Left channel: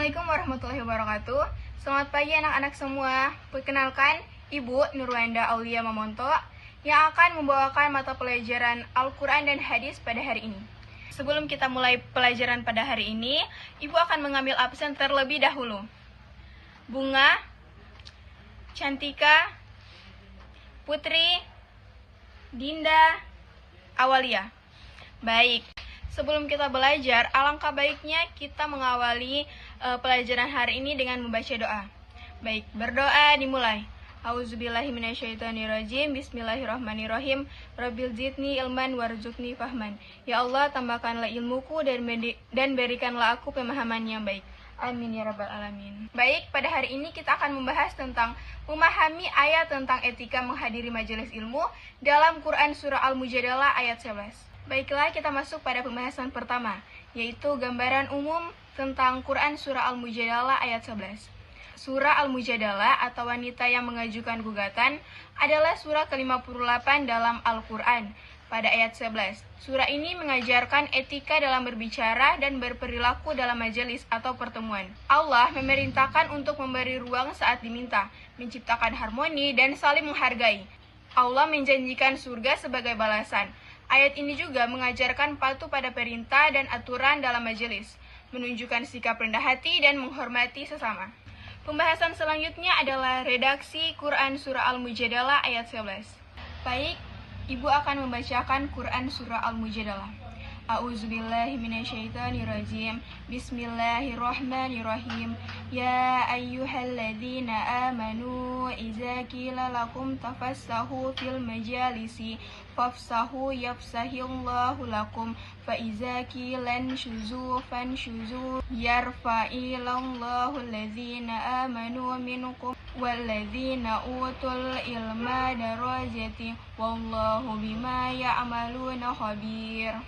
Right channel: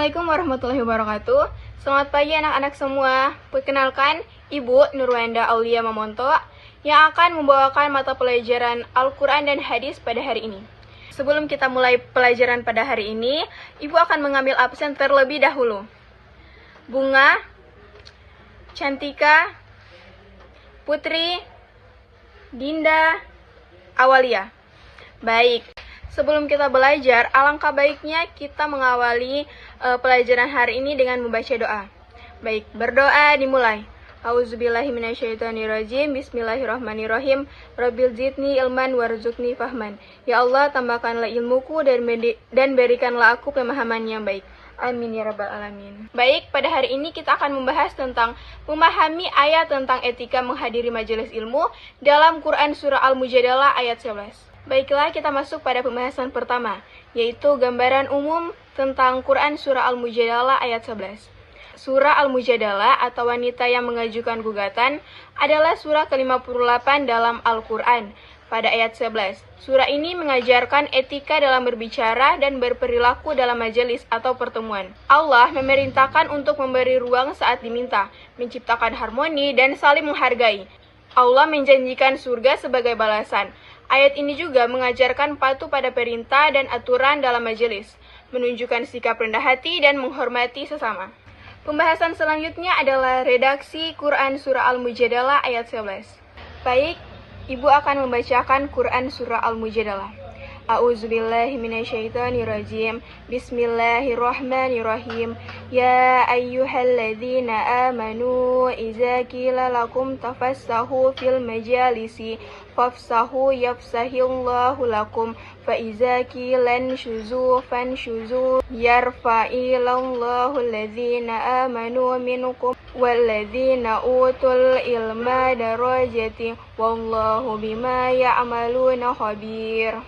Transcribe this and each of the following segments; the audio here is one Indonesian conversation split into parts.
Assalamualaikum warahmatullahi wabarakatuh. Selamat pagi anak-anak semua. Perkenalkan, Ibu Nurwanda Aulia Mamonto yang akan membawakan mata pelajaran Al-Quran dan Hadis pada hari ini. Sebelum kita mulai pelajaran pada hari ini, Ibu akan mengambil absen terlebih dahulu. Bunga, Cantika, Putri, Dinda, Awalia. Baik. Sebelum kita belajar, alangkah baiknya kita mengawali pelajaran hari ini dengan membaca doa. Baik, berdoa dimulai. A'udzubillahiminasyaitonirrajim. Bismillahirrahmanirrahim. Rabbil zidni ilman warzuqni fahman. Ya Allah, tambahkanlah ilmuku dan berikanlah aku pemahaman yang baik. Amin ya rabbal alamin. Baik, pada hari ini kita akan membahas tentang memahami ayat tentang etika menghadiri majelis ilmu dalam Quran Surah Al-Mujadalah ayat 11. Baiklah, kita masuk pada pembahasan pertama, yaitu gambaran umum tentang Quran Surah Al-Mujadalah ayat 11. Surah Al-Mujadalah atau wanita yang mengajukan gugatan adalah surah ke-58 dalam Al-Quran. Pada ayat 11, surah ini mengajarkan etika dalam berbicara dan berperilaku dalam majelis atau pertemuan. Allah memerintahkan untuk memberi ruang saat diminta, menciptakan harmoni dan saling menghargai. Allah menjanjikan surga sebagai balasan. Ayat ini juga mengajarkan patuh pada perintah dan aturan dalam majelis, menunjukkan sikap rendah hati dan menghormati sesama. Pembahasan selanjutnya adalah redaksi Quran Surah Al-Mujadalah ayat 11. Baik, Ibu akan membacakan Quran Surah Al-Mujadalah. A'udzubillahiminasyaitonirrajim. Bismillahirrahmanirrahim. Ya ayyuhalladzina amanu iza qila lakum tafassahu fil majalisi fafsahu yafsahillahu lakum fa iza qilan syuzu fanshuzu yarfa'illahu alladzina amanu minkum walladzina utul ilma darajati wallahu bima ya'maluna khabir.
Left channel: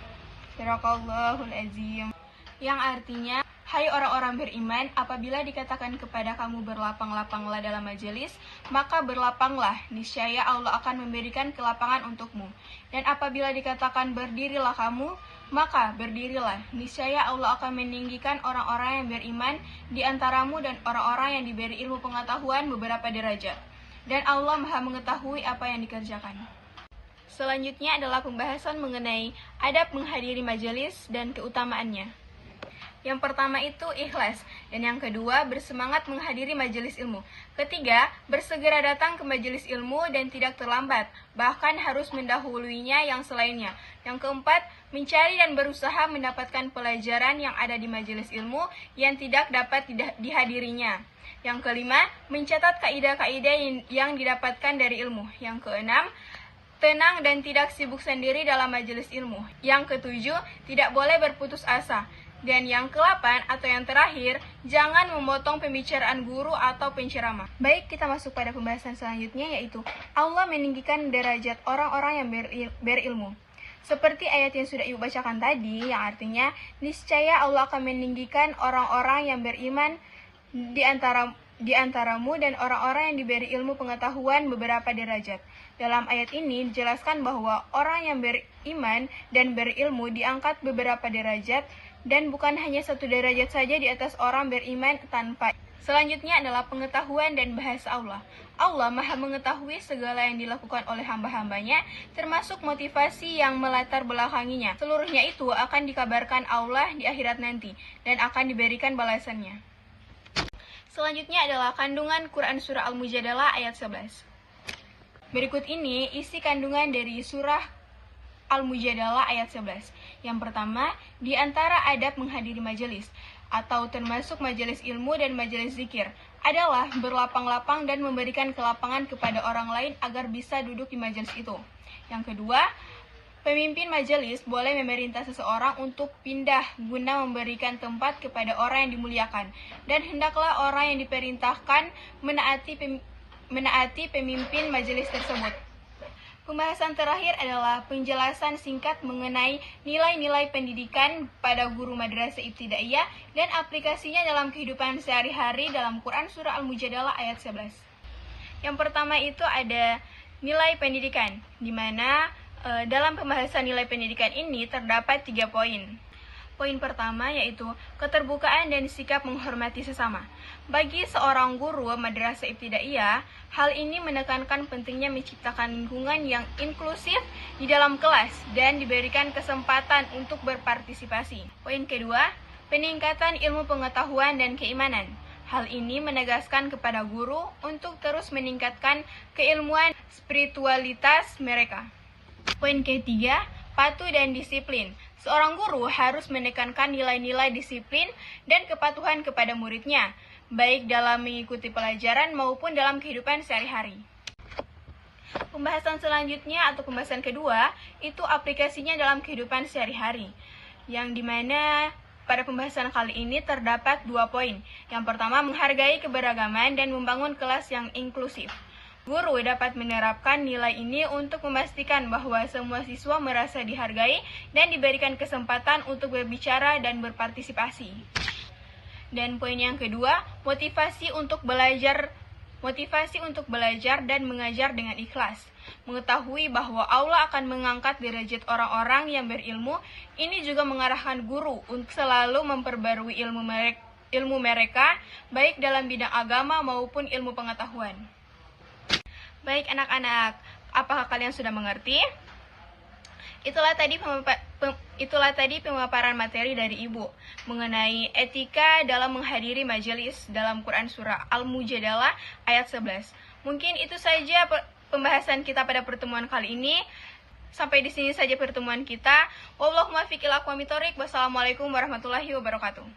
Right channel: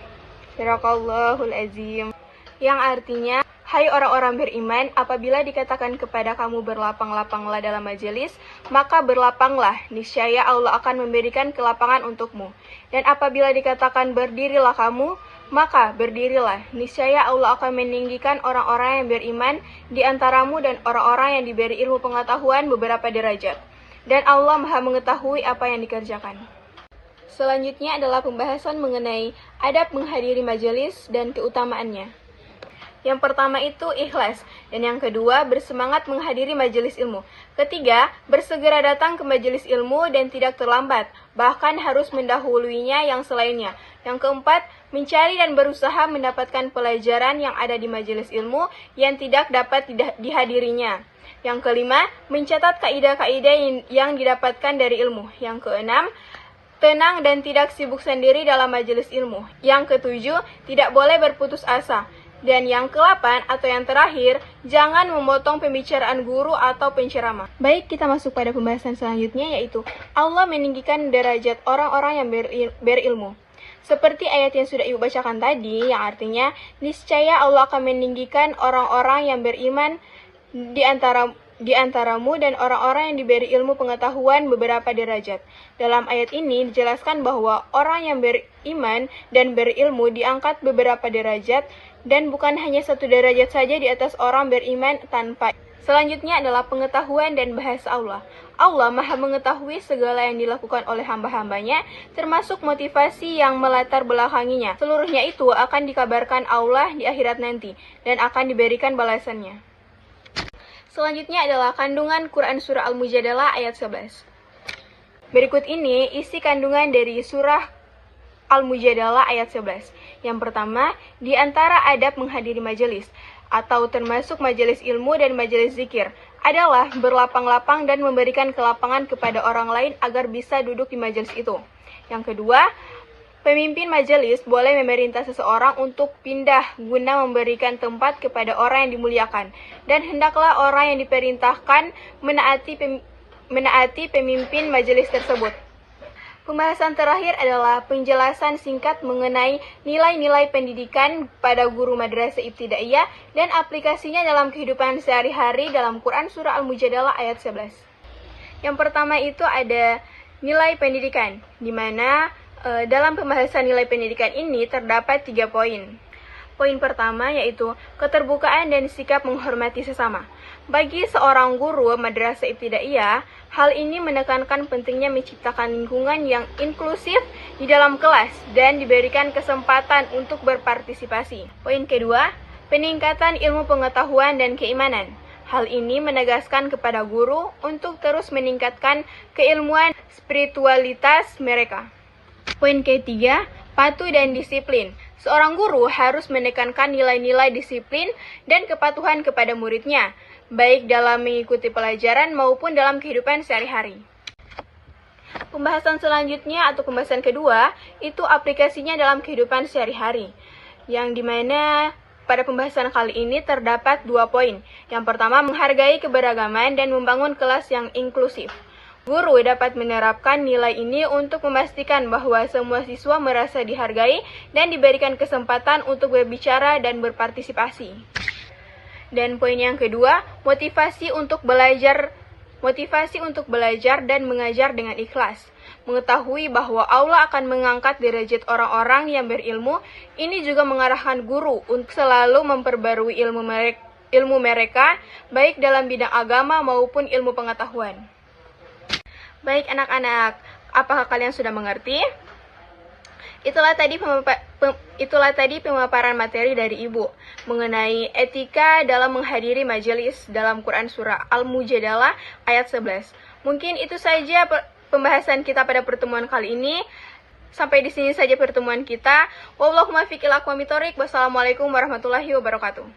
Sadaqallahul azim. Yang artinya, hai orang-orang beriman, apabila dikatakan kepada kamu berlapang-lapanglah dalam majelis, maka berlapanglah, niscaya Allah akan memberikan kelapangan untukmu. Dan apabila dikatakan berdirilah kamu, maka berdirilah, niscaya Allah akan meninggikan orang-orang yang beriman di antaramu dan orang-orang yang diberi ilmu pengetahuan beberapa derajat. Dan Allah Maha mengetahui apa yang dikerjakan. Selanjutnya adalah pembahasan mengenai adab menghadiri majelis dan keutamaannya. Yang pertama itu ikhlas, dan yang kedua bersemangat menghadiri majelis ilmu. Ketiga, bersegera datang ke majelis ilmu dan tidak terlambat, bahkan harus mendahuluinya yang selainnya. Yang keempat, mencari dan berusaha mendapatkan pelajaran yang ada di majelis ilmu yang tidak dapat dihadirinya. Yang kelima, mencatat kaidah-kaidah yang didapatkan dari ilmu. Yang keenam, tenang dan tidak sibuk sendiri dalam majelis ilmu. Yang ketujuh, tidak boleh berputus asa. Dan yang ke-8 atau yang terakhir, jangan memotong pembicaraan guru atau penceramah. Baik, kita masuk pada pembahasan selanjutnya, yaitu Allah meninggikan derajat orang-orang yang berilmu. Seperti ayat yang sudah Ibu bacakan tadi, yang artinya, niscaya Allah akan meninggikan orang-orang yang beriman di antaramu dan orang-orang yang diberi ilmu pengetahuan beberapa derajat. Dalam ayat ini dijelaskan bahwa orang yang beriman dan berilmu diangkat beberapa derajat dan bukan hanya satu derajat saja di atas orang beriman tanpa. Selanjutnya adalah pengetahuan dan bahasa Allah. Allah Maha mengetahui segala yang dilakukan oleh hamba-hambanya, termasuk motivasi yang melatar belakanginya. Seluruhnya itu akan dikabarkan Allah di akhirat nanti dan akan diberikan balasannya. Selanjutnya adalah kandungan Quran Surah Al-Mujadalah ayat 11. Berikut ini isi kandungan dari Surah Al-Mujadalah ayat 11. Yang pertama, di antara adab menghadiri majelis, atau termasuk majelis ilmu dan majelis zikir, adalah berlapang-lapang dan memberikan kelapangan kepada orang lain agar bisa duduk di majelis itu. Yang kedua, pemimpin majelis boleh memerintah seseorang untuk pindah guna memberikan tempat kepada orang yang dimuliakan. Dan hendaklah orang yang diperintahkan menaati pemimpin majelis tersebut. Pembahasan terakhir adalah penjelasan singkat mengenai nilai-nilai pendidikan pada guru madrasah ibtidaiyah dan aplikasinya dalam kehidupan sehari-hari dalam Quran Surah Al-Mujadalah ayat 11. Yang pertama itu ada nilai pendidikan, di mana dalam pembahasan nilai pendidikan ini terdapat 3 poin. Poin pertama yaitu keterbukaan dan sikap menghormati sesama. Bagi seorang guru madrasah ibtidaiyah, hal ini menekankan pentingnya menciptakan lingkungan yang inklusif di dalam kelas dan diberikan kesempatan untuk berpartisipasi. Poin kedua, peningkatan ilmu pengetahuan dan keimanan. Hal ini menegaskan kepada guru untuk terus meningkatkan keilmuan spiritualitas mereka. Poin ketiga, patuh dan disiplin. Seorang guru harus menekankan nilai-nilai disiplin dan kepatuhan kepada muridnya, baik dalam mengikuti pelajaran maupun dalam kehidupan sehari-hari. Pembahasan selanjutnya atau pembahasan kedua, itu aplikasinya dalam kehidupan sehari-hari, yang dimana pada pembahasan kali ini terdapat 2 poin. Yang pertama, menghargai keberagaman dan membangun kelas yang inklusif. Guru dapat menerapkan nilai ini untuk memastikan bahwa semua siswa merasa dihargai dan diberikan kesempatan untuk berbicara dan berpartisipasi. Dan poin yang kedua, motivasi untuk belajar dan mengajar dengan ikhlas. Mengetahui bahwa Allah akan mengangkat derajat orang-orang yang berilmu, ini juga mengarahkan guru untuk selalu memperbarui ilmu mereka, baik dalam bidang agama maupun ilmu pengetahuan. Baik anak-anak, apakah kalian sudah mengerti? Itulah tadi pemaparan materi dari Ibu mengenai etika dalam menghadiri majelis dalam Quran Surah Al-Mujadalah ayat 11. Mungkin itu saja pembahasan kita pada pertemuan kali ini. Sampai di sini saja pertemuan kita. Wallahul muwaffiq ila aqwamit thoriq. Wassalamualaikum warahmatullahi wabarakatuh.